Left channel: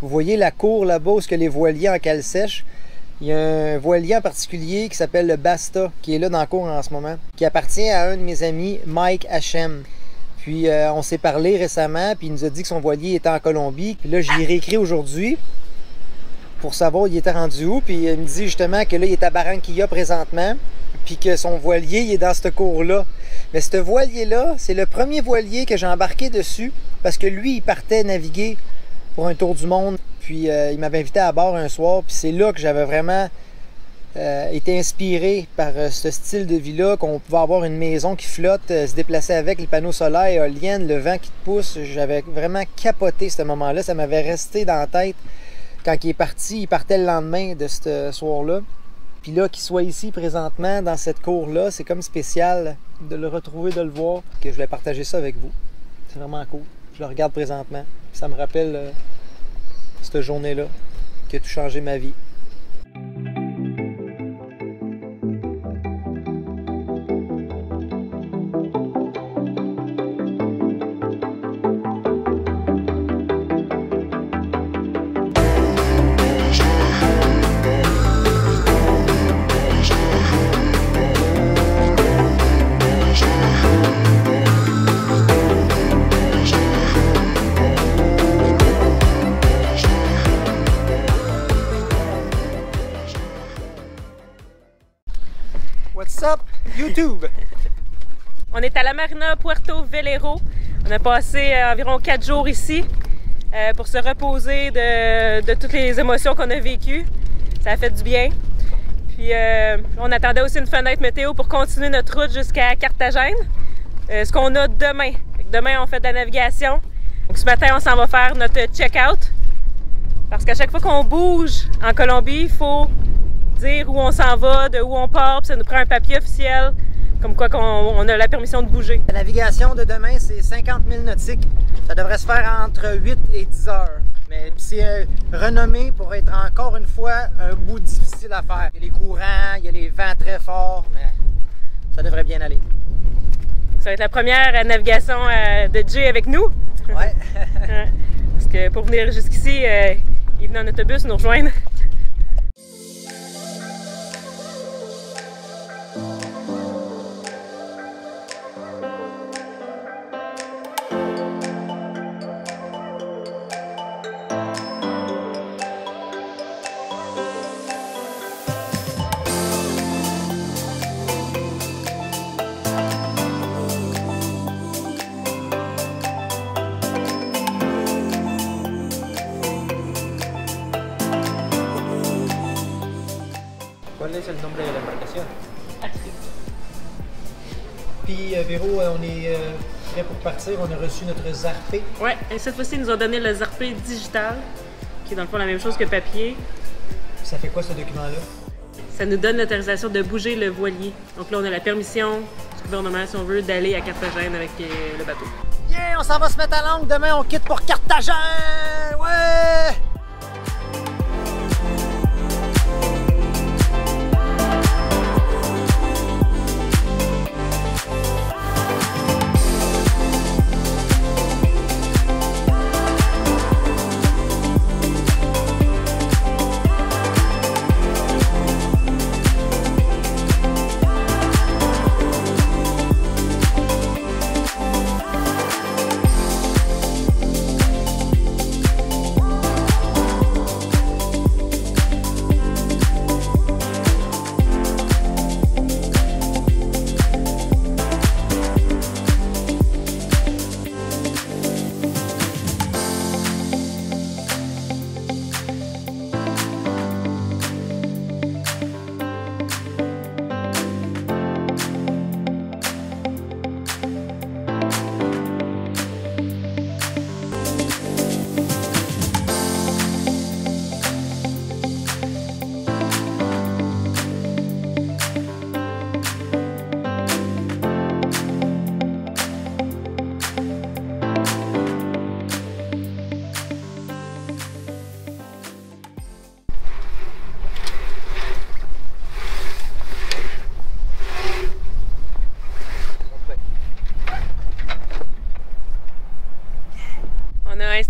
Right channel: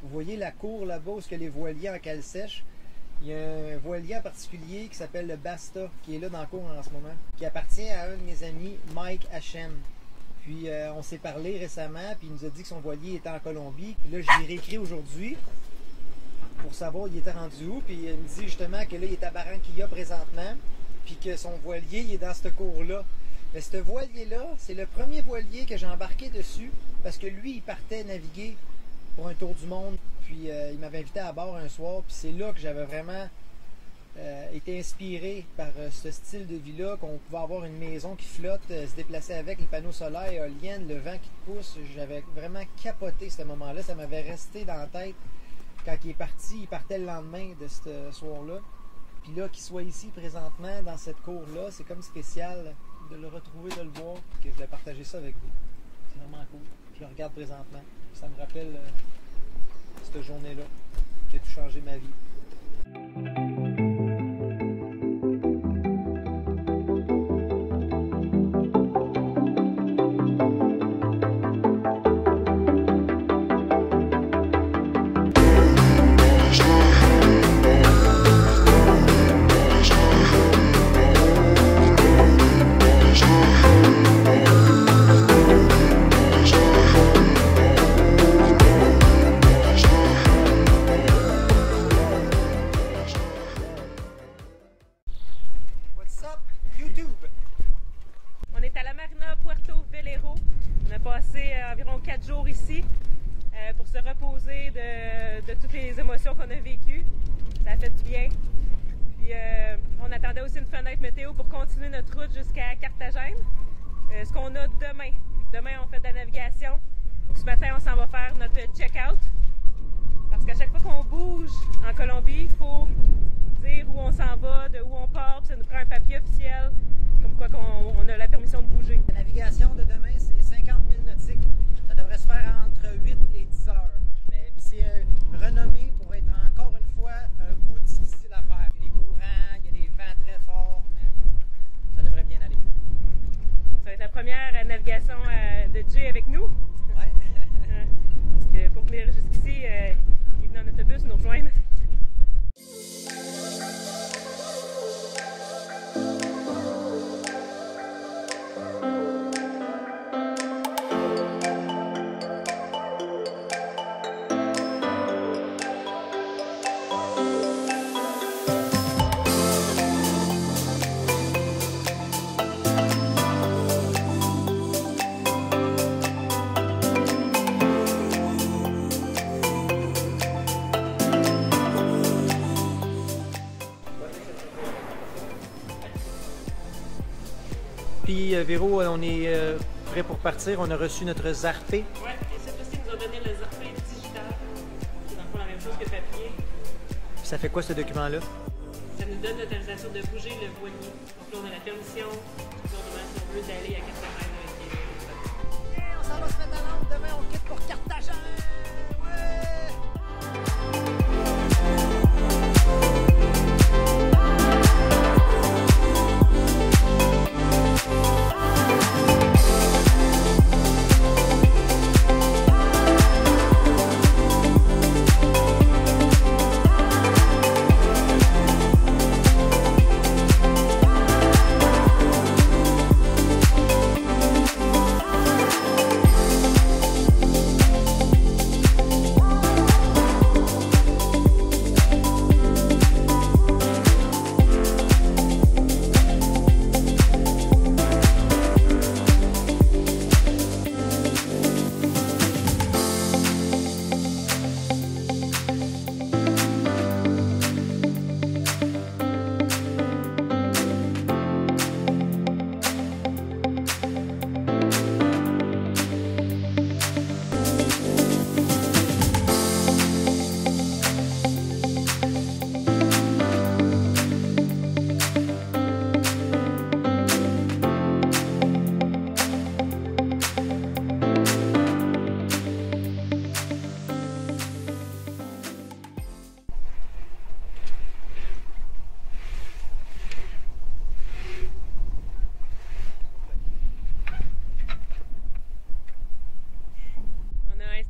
Vous voyez la cour là-bas où les voiliers en cale sèche. Il y a un voilier en particulier qui s'appelle le Basta, qui est là dans la cour en ce moment, qui appartient à un de mes amis, Mike Hachem. Puis on s'est parlé récemment, puis il nous a dit que son voilier était en Colombie. Puis là, j'y ai réécrit aujourd'hui pour savoir il était rendu où. Puis il me dit justement que là, il est à Barranquilla présentement, puis que son voilier, il est dans cette cour-là. Mais ce voilier-là, c'est le premier voilier que j'ai embarqué dessus, parce que lui, il partait naviguer pour un tour du monde. Puis il m'avait invité à bord un soir, puis c'est là que j'avais vraiment été inspiré par ce style de vie-là, qu'on pouvait avoir une maison qui flotte, se déplacer avec les panneaux solaires, éoliennes, le vent qui te pousse. J'avais vraiment capoté ce moment-là, ça m'avait resté dans la tête. Quand il est parti, il partait le lendemain de ce soir-là. Puis là, qu'il soit ici présentement, dans cette cour-là, c'est comme spécial de le retrouver, de le voir, que je vais partager ça avec vous. C'est vraiment cool. Je le regarde présentement, puis ça me rappelle cette journée-là qui a tout changé ma vie. What's up, YouTube? On est à la Marina Puerto Velero. On a passé environ 4 jours ici pour se reposer de toutes les émotions qu'on a vécues. Ça a fait du bien. Puis on attendait aussi une fenêtre météo pour continuer notre route jusqu'à Carthagène. Ce qu'on a demain. Demain, on fait de la navigation. Donc, ce matin, on s'en va faire notre check-out. Parce qu'à chaque fois qu'on bouge en Colombie, il faut dire où on s'en va, de où on part, puis ça nous prend un papier officiel, comme quoi on a la permission de bouger. La navigation de demain, c'est 50 000 nautiques. Ça devrait se faire entre 8 et 10 heures. Mais c'est renommé pour être encore une fois un bout difficile à faire. Il y a les courants, il y a les vents très forts, mais ça devrait bien aller. Ça va être la première navigation de Jay avec nous. Ouais. Parce que pour venir jusqu'ici, il venait en autobus nous rejoindre. Puis Véro, on est prêt pour partir. On a reçu notre zarpé. Oui, et cette fois-ci, ils nous ont donné le zarpé digital, qui est dans le fond la même chose que papier. Ça fait quoi ce document-là? Ça nous donne l'autorisation de bouger le voilier. Donc là, on a la permission du gouvernement, si on veut, d'aller à Carthagène avec le bateau. Bien, on s'en va se mettre à l'angle. Demain, on quitte pour Carthagène! Ouais!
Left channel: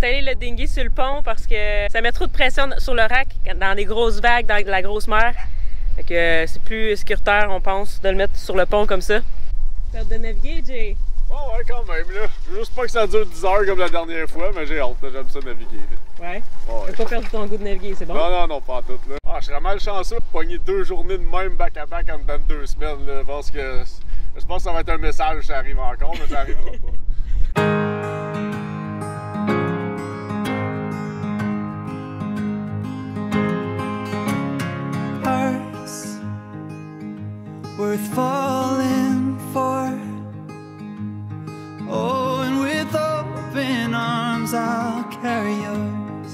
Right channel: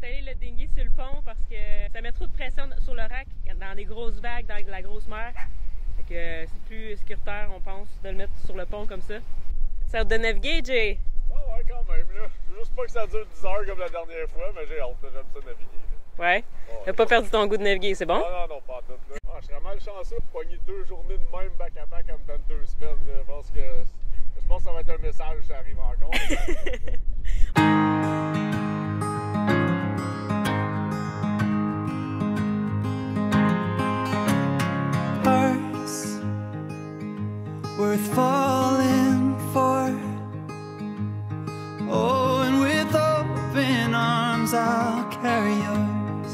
installer le dinghy sur le pont parce que ça met trop de pression sur le rack dans des grosses vagues, dans la grosse mer. Fait que c'est plus sécuritaire, on pense, de le mettre sur le pont comme ça. Ça te de naviguer, Jay? Oh ouais, quand même, là. Juste pas que ça dure 10 heures comme la dernière fois, mais j'ai hâte, j'aime ça naviguer. Ouais. Oh, T'as pas perdu ton goût de naviguer, c'est bon? Non, pas en tout, là. Ah, je serais mal chanceux de pogner 2 journées de même back-à-back en dedans de 2 semaines, là. Parce que je pense que ça va être un message, ça arrive encore, mais ça arrivera pas. Worth falling for. Oh, and with open arms I'll carry yours.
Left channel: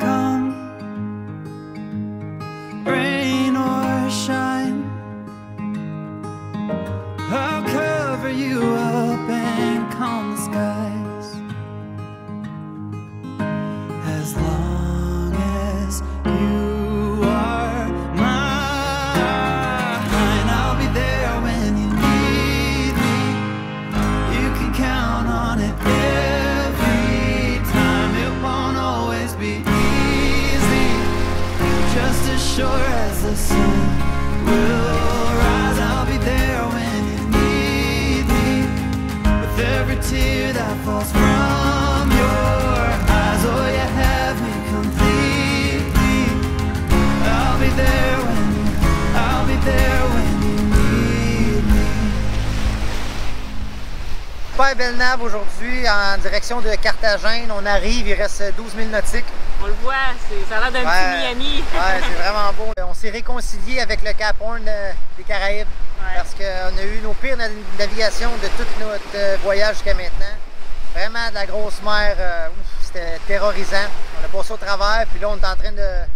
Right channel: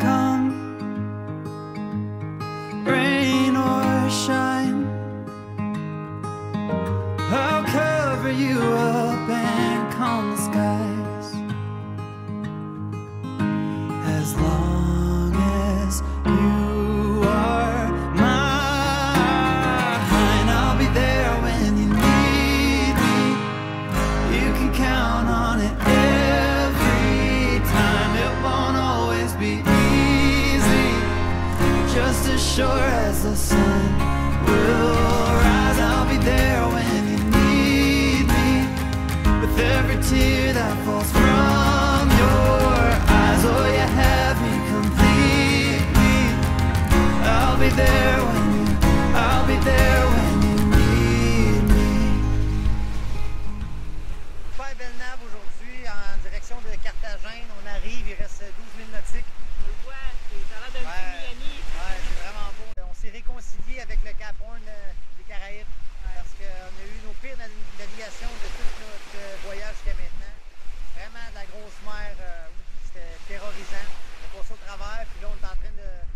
Come, rain or shine, I'll cover you up and calm the skies. As long as you sure as the sun will rise, I'll be there when you need me. With every tear that falls from your eyes, oh, you have me completely. I'll be there when you need me. Super belle nave aujourd'hui en direction de Carthagène. On arrive, il reste 12 000 nautiques. On le voit, ça a l'air d'un petit Miami. Ouais, c'est vraiment beau. On s'est réconcilié avec le Cap Horn des Caraïbes parce qu'on a eu nos pires navigations de tout notre voyage jusqu'à maintenant. Vraiment de la grosse mer, c'était terrorisant. On a passé au travers, puis là on est en train de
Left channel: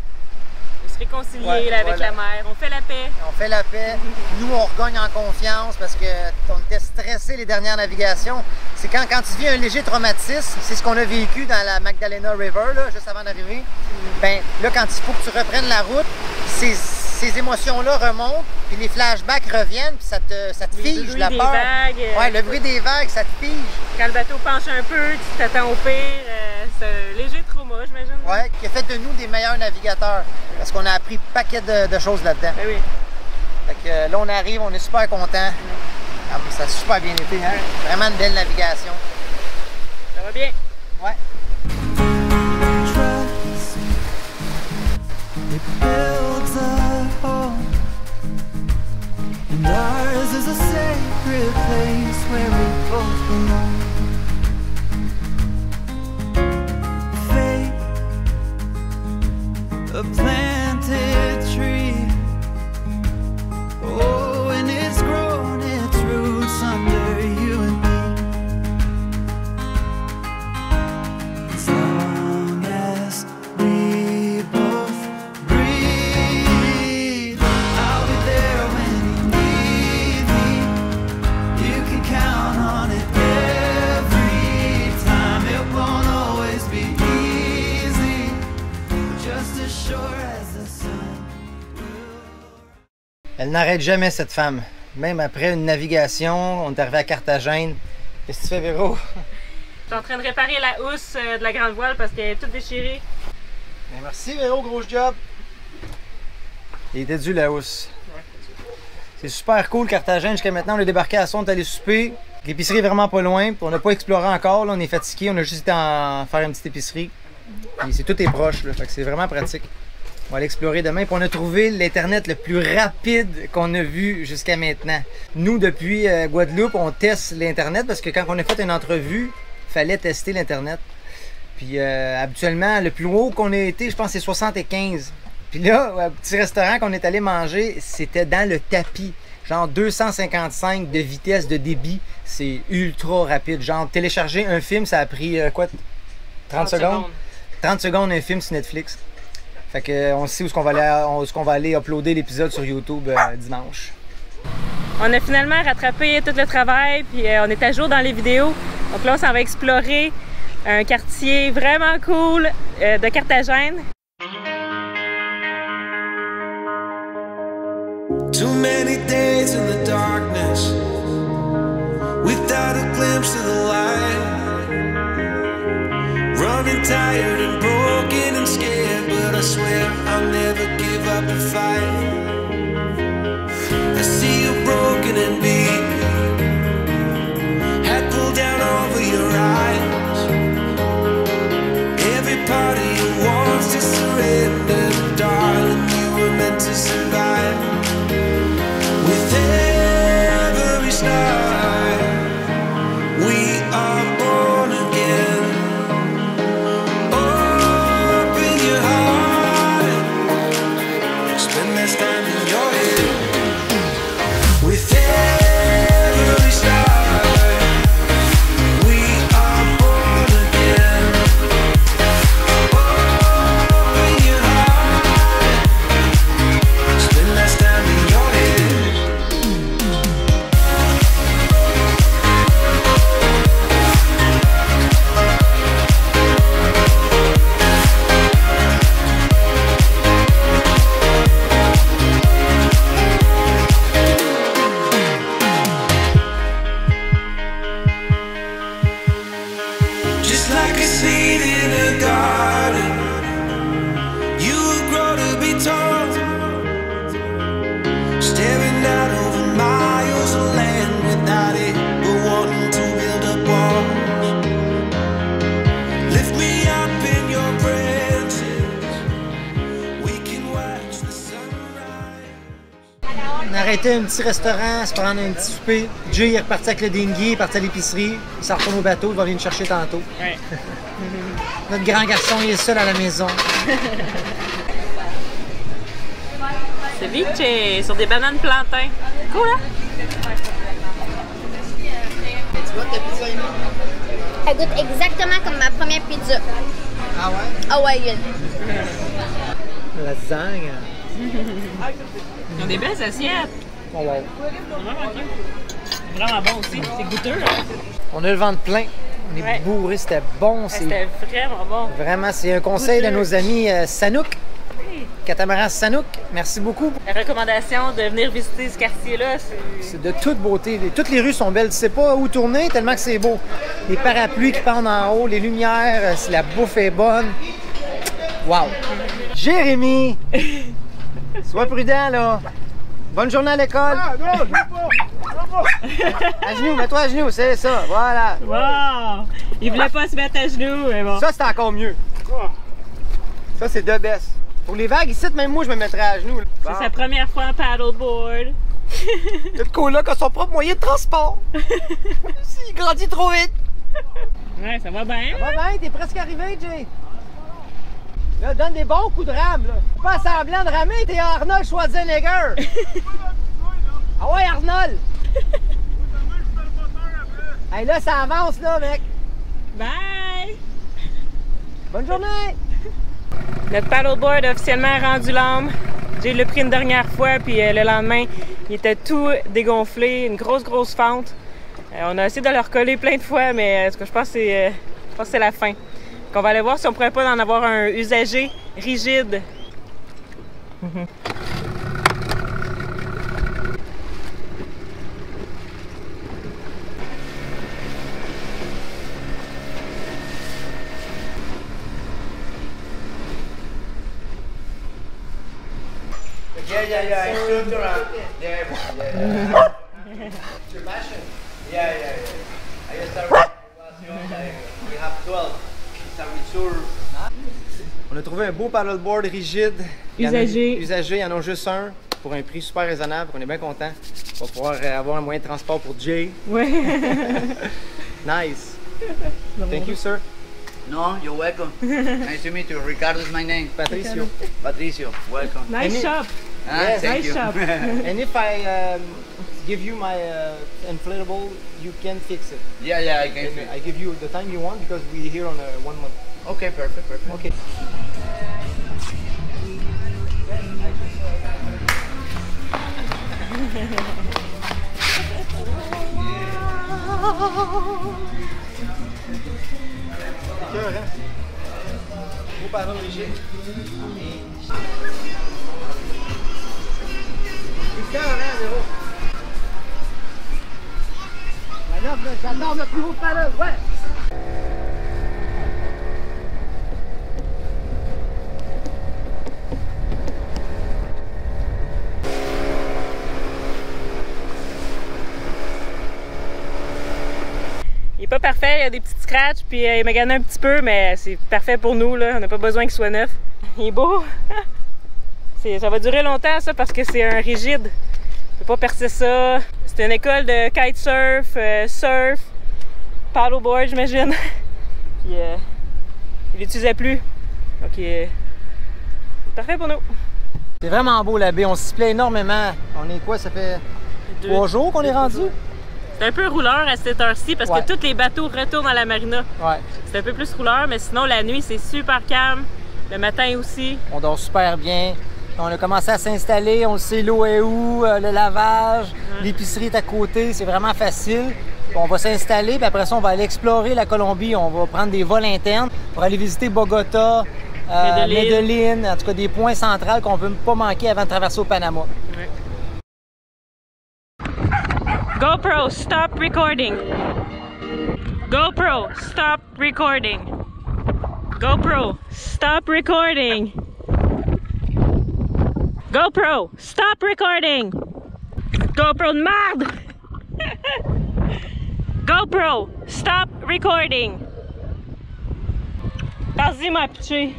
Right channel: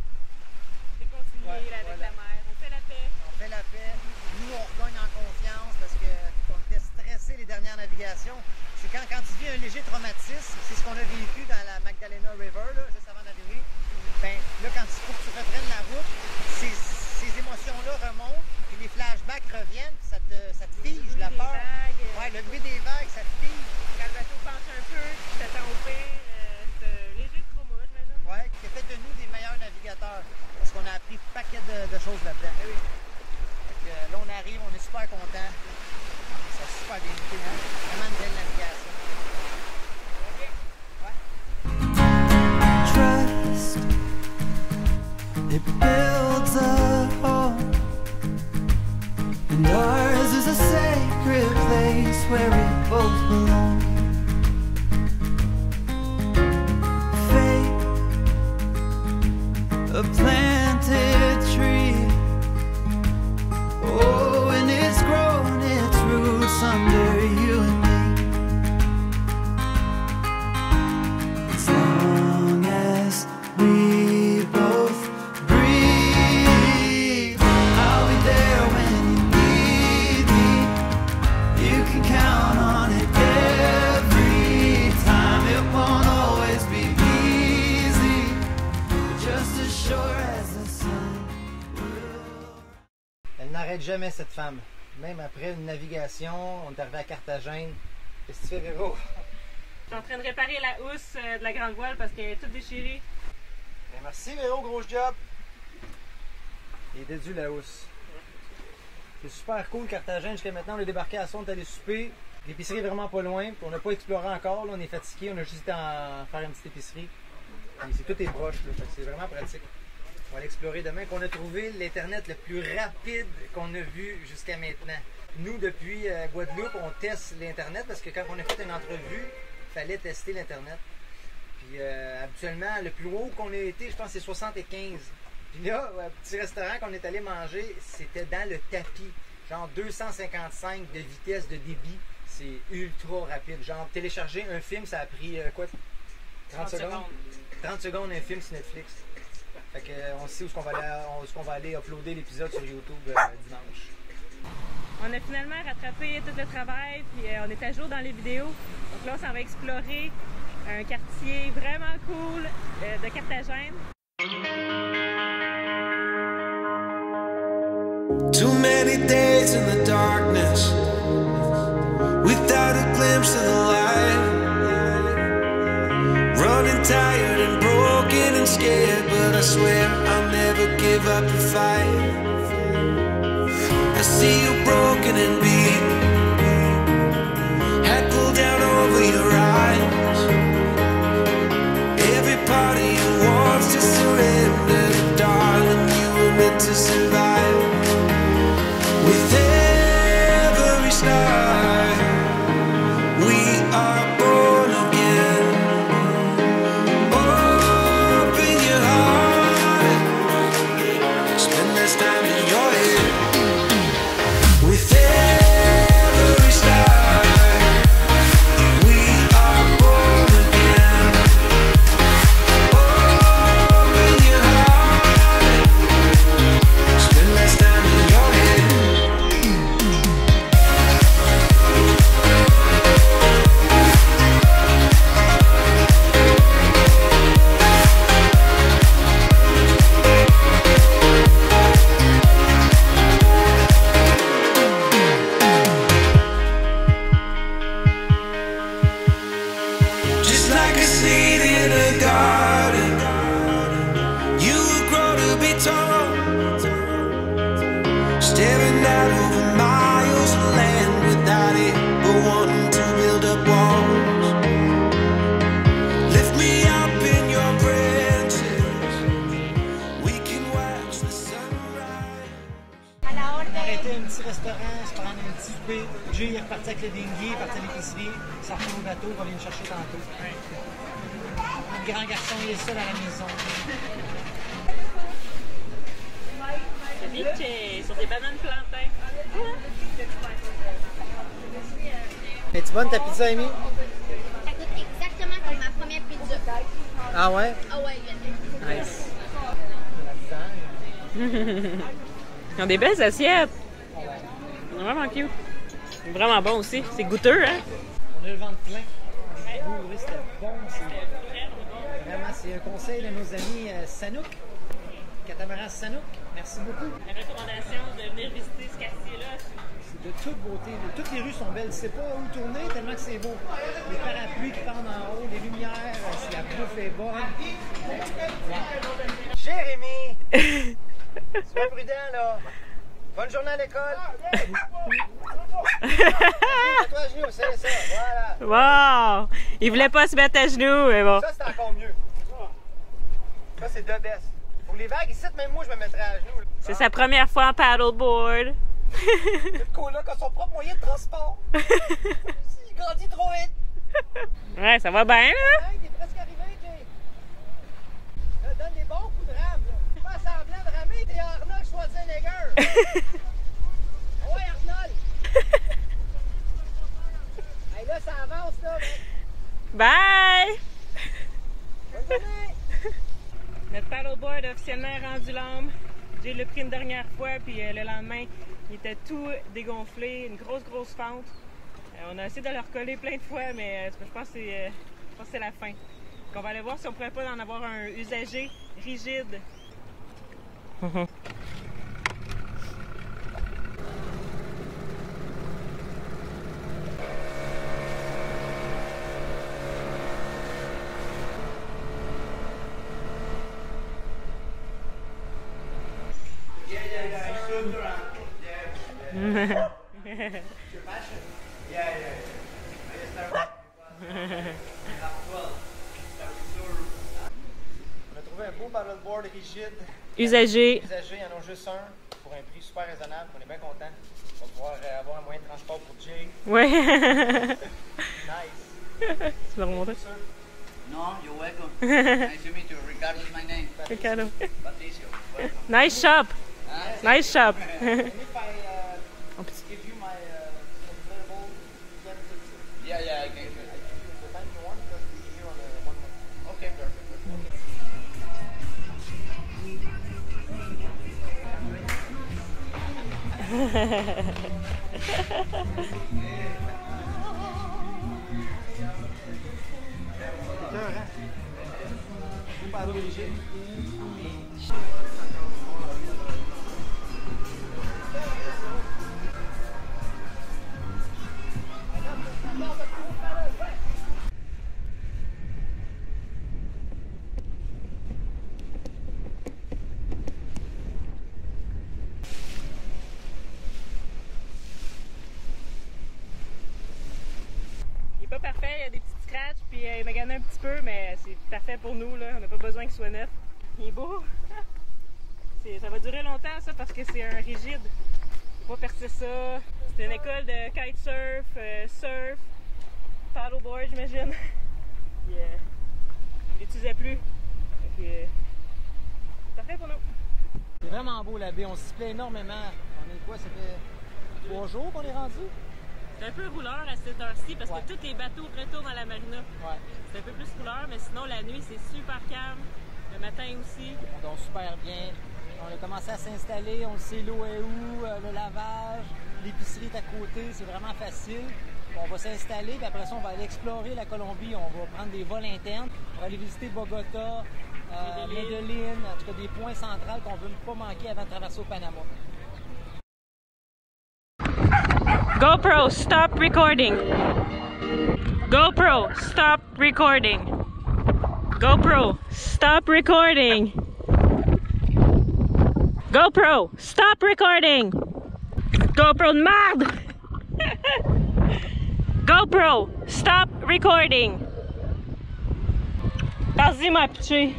se réconcilier là, avec la mer. On fait la paix. On fait la paix. Nous, on regagne en confiance parce qu'on était stressés les dernières navigations. C'est quand tu vis un léger traumatisme, c'est ce qu'on a vécu dans la Magdalena River, là, juste avant d'arriver. Ben là, quand il faut que tu reprennes la route, ces émotions-là remontent, puis les flashbacks reviennent, puis ça te fige, la peur. Ouais, le bruit des vagues, ça te fige. Quand le bateau penche un peu, tu t'attends au pire, c'est un léger trauma, j'imagine. Ouais, qui a fait de nous des meilleurs navigateurs, parce qu'on a appris un paquet de choses là-dedans. Ben oui. Fait que là, on arrive, on est super contents. Ça a super bien été, hein? Vraiment une belle navigation. Ça va bien? Ouais. Trust, it builds a home, and ours is a sacred place where we both belong. Faith, a planted tree, oh, and it's grown its roots under you and me. As long as we both breathe, I'll be there when you need me. You can count on it every time. It won't always be easy, but just as sure as the sun will. Elle n'arrête jamais, cette femme. Même après une navigation, on est arrivé à Carthagène. Qu'est-ce que tu fais, Véro? Je suis en train de réparer la housse de la grande voile parce qu'elle est toute déchirée. Bien, merci, Véro, gros job. Il était dû, la housse. C'est super cool, Carthagène. Jusqu'à maintenant, on est débarqué à son, on est allé souper. L'épicerie est vraiment pas loin. On n'a pas exploré encore, là, on est fatigué. On a juste été en faire une petite épicerie. Et tout est proche, là, fait que c'est vraiment pratique. On va aller explorer demain. Puis on a trouvé l'Internet le plus rapide qu'on a vu jusqu'à maintenant. Nous, depuis Guadeloupe, on teste l'Internet parce que quand on a fait une entrevue, il fallait tester l'Internet. Puis habituellement, le plus haut qu'on a été, je pense, c'est 75. Puis là, au petit restaurant qu'on est allé manger, c'était dans le tapis. Genre 255 de vitesse de débit. C'est ultra rapide. Genre télécharger un film, ça a pris quoi? 30 secondes? 30 secondes un film sur Netflix. Fait que on sait où est-ce qu'on va aller uploader l'épisode sur YouTube dimanche. On a finalement rattrapé tout le travail, puis on est à jour dans les vidéos. Donc là, on s'en va explorer un quartier vraiment cool de Carthagène. Too many days in the darkness, without a glimpse of the light. Running tired and broken and scared, but I swear I'll never give up the fight. I see you broken and beat, head pulled down over your eyes. Every part of you wants to surrender, but darling, you were meant to survive. With every star, we are born again. Open your heart, spend less time in your head. With every star, we are born again. Open your heart, spend less time in your head. Just like a seed in a garden, you will grow to be tall, staring out over miles of land without it, but wanting to build up walls. Lift me up in your branches, we can watch the sunrise. On a arrêté un petit restaurant, se prendre un petit souper. Jay est reparti avec le dinghy, il est parti à l'épicerie. Il s'en retourne au bateau, il va venir nous chercher tantôt. Ouais. Notre grand garçon, il est seul à la maison. Ceviche sur des bananes plantains. Cool, hein? Es-tu bonne ta pizza, Amy? Elle goûte exactement comme ma première pizza. Ah ouais? Hawaïenne. Lasagne. Ils ont des belles assiettes. Oh, wow. C'est vraiment cute. C'est vraiment bon aussi. C'est goûteux, hein? On a le ventre plein. On est Ouais. bourré, c'était bon. C'est C'était vraiment bon. vraiment, c'est un conseil de Goûteux. nos amis Sanook. Catamaran Sanook. Merci beaucoup. La recommandation de venir visiter ce quartier-là, c'est... C'est de toute beauté. Toutes les rues sont belles. Tu sais pas où tourner tellement que c'est beau. Les parapluies qui pendent en haut, les lumières, la bouffe est bonne. Wow! Jérémy! Sois prudent, là. Bonne journée à l'école. Ah non, je veux pas! À genoux, mets-toi à genoux, c'est ça. Voilà. Wow! Il voulait pas se mettre à genoux, mais bon. Ça, c'est encore mieux. Ça, c'est de best. Pour les vagues, ici, même moi, je me mettrais à genoux. là. C'est sa première fois en paddleboard. Le coloc a son propre moyen de transport. Il grandit trop vite. Ouais, ça va bien, hein? Ouais, t'es presque arrivé, Jay. Là, donne des bons coups de rame, là. T'es pas semblant de ramer, t'es Arnold Schwarzenegger. Ah ouais, Arnold. Hey, là, ça avance, là, mec. Bye! Bonne journée. Notre paddleboard a officiellement rendu l'âme. J'ai l'a pris une dernière fois, puis le lendemain, il était tout dégonflé, une grosse fente. On a essayé de le recoller plein de fois, mais en tout cas, je pense que c'est la fin. Donc, on va aller voir si on pourrait pas en avoir un usager rigide. Yeah, I stood around. Yeah. It's your passion. Yeah. I just started we have 12. So we sure. On a trouvé un beau paddleboard rigide. Usagé. Usagé, il y en a juste un pour un prix super raisonnable. On est bien content. On va pouvoir avoir un moyen de transport pour Jay. Ouais. Nice. C'est Thank you, sir. No, you're welcome. Nice to meet you. Ricardo is my name. Patricio. Patricio, welcome. Nice shop. Ah, thank Nice you. shop. And if I give you my inflatable, you can fix it. Yeah, I can. I give you the time you want because we're here on a 1 month. Okay, perfect. Okay. C'est cœur, hein? Beau paddle rigide. C'est cœur, hein, Zéro? Ben là, J'adore notre nouveau paddle, ouais! Il est pas parfait, il y a des petites scratches, puis il m'a gagné un petit peu, mais c'est parfait pour nous, là. On n'a pas besoin qu'il soit neuf. Il est beau! Ça va durer longtemps, ça, parce que c'est un rigide. On peut pas percer ça. C'est une école de kitesurf, surf, paddleboard, j'imagine. Puis il l'utilisait plus. Donc, c'est parfait pour nous. C'est vraiment beau la baie, on s'y plaît énormément. On est quoi, ça fait 3 jours qu'on est rendu? C'est un peu rouleur à cette heure-ci parce Ouais. que tous les bateaux retournent à la marina. Ouais. C'est un peu plus rouleur, mais sinon la nuit c'est super calme. Le matin aussi. On dort super bien. On a commencé à s'installer, on sait l'eau est où, le lavage, l'épicerie est à côté, c'est vraiment facile. On va s'installer, puis après ça, on va aller explorer la Colombie. On va prendre des vols internes pour aller visiter Bogota, Medellín, en tout cas des points centrales qu'on ne veut pas manquer avant de traverser au Panama. GoPro, stop recording. GoPro, stop recording. GoPro, stop recording. GoPro, stop recording. GoPro de merde. GoPro, stop recording. Vas-y, ma pitché.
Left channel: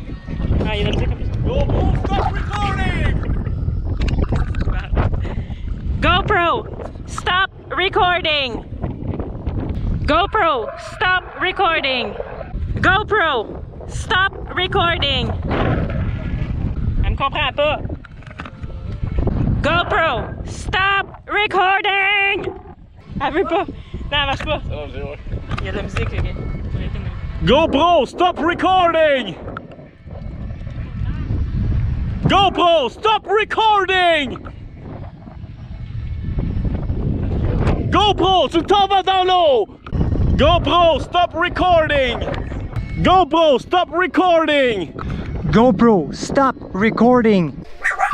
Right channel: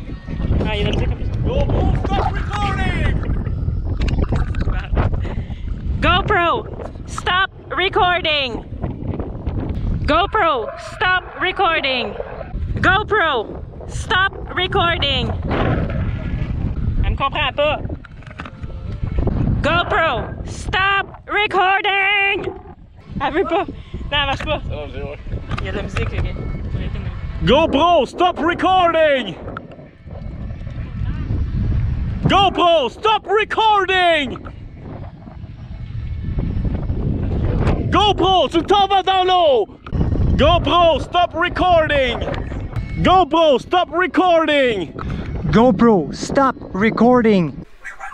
Ah, il a dit comme ça. GoPro, stop recording! GoPro, stop recording. GoPro, stop recording. GoPro, stop recording. Elle me comprend pas. GoPro, stop recording. Elle veut pas. Non, elle marche pas. Il y a de la musique, les gars. GoPro, stop recording! GoPro, stop recording! GoPro, tu t'en vas dans l'eau! GoPro, stop recording! GoPro, stop recording! GoPro, stop recording!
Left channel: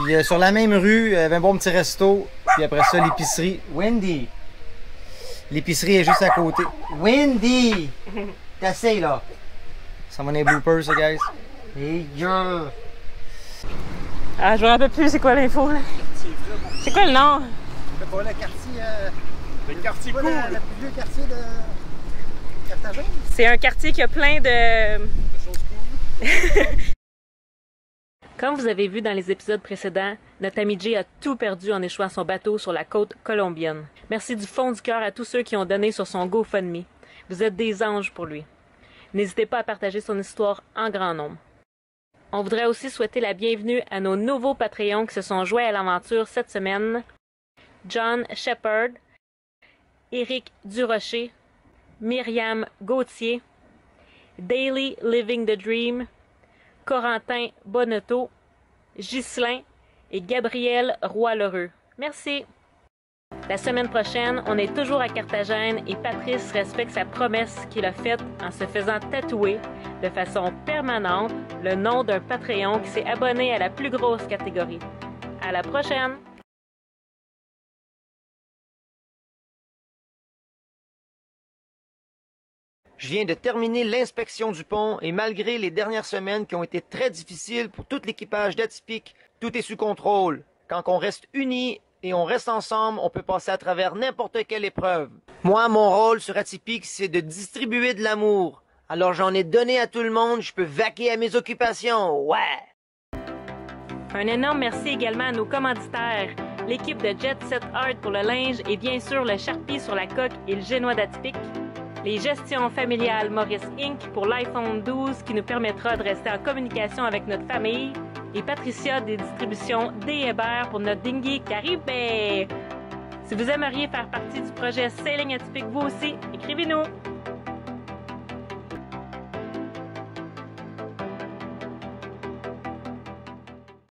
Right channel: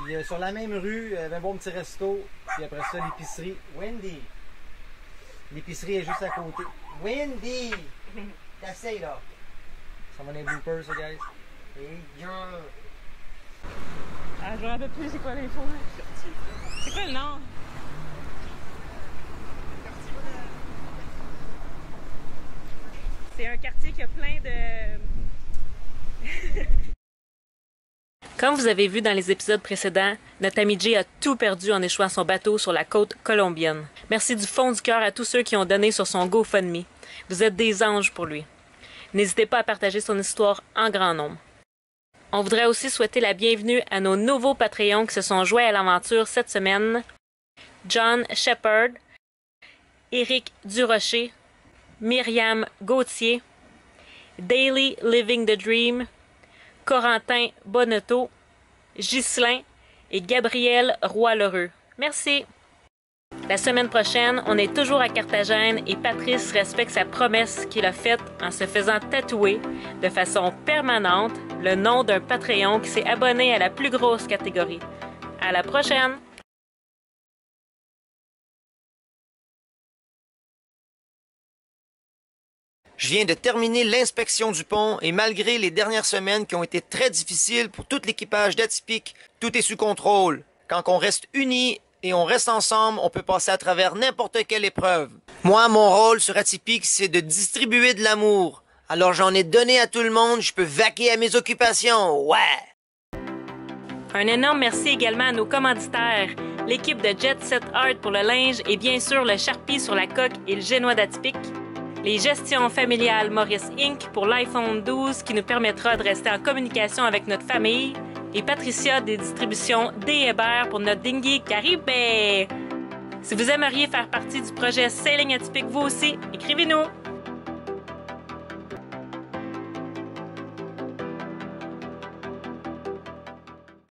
Puis sur la même rue, il y avait un bon petit resto. Puis après ça, l'épicerie. Wendy! L'épicerie est juste à côté. Wendy! T'essayes là! Ça va dans les bloopers, ça, guys. Hey, girl! Ah, je me rappelle plus c'est quoi l'info, là. C'est quoi le nom? C'est pas le quartier. Le quartier pas cool! le plus vieux quartier de Carthagène? C'est un quartier qui a plein de... Comme vous avez vu dans les épisodes précédents, notre ami Jay a tout perdu en échouant son bateau sur la côte colombienne. Merci du fond du cœur à tous ceux qui ont donné sur son GoFundMe. Vous êtes des anges pour lui. N'hésitez pas à partager son histoire en grand nombre. On voudrait aussi souhaiter la bienvenue à nos nouveaux Patreons qui se sont joints à l'aventure cette semaine. John Shepard, Éric Durocher, Myriam Gauthier, Daily Living the Dream, Corentin Bonneto, Ghislain et Gabriel Roy-Lheureux. Merci! La semaine prochaine, on est toujours à Carthagène et Patrice respecte sa promesse qu'il a faite en se faisant tatouer de façon permanente le nom d'un Patreon qui s'est abonné à la plus grosse catégorie. À la prochaine! Je viens de terminer l'inspection du pont et malgré les dernières semaines qui ont été très difficiles pour tout l'équipage d'Atypique, tout est sous contrôle. Quand on reste unis et on reste ensemble, on peut passer à travers n'importe quelle épreuve. Moi, mon rôle sur Atypique, c'est de distribuer de l'amour. Alors j'en ai donné à tout le monde, je peux vaquer à mes occupations, ouais! Un énorme merci également à nos commanditaires, l'équipe de Jet Set Art pour le linge et bien sûr le Sharpie sur la coque et le génois d'Atypique. Les gestions familiales Maurice Inc. pour l'iPhone 12 qui nous permettra de rester en communication avec notre famille. Et Patricia des distributions D. Hébert pour notre dinghy Caribé. Si vous aimeriez faire partie du projet Sailing Atypique vous aussi, écrivez-nous!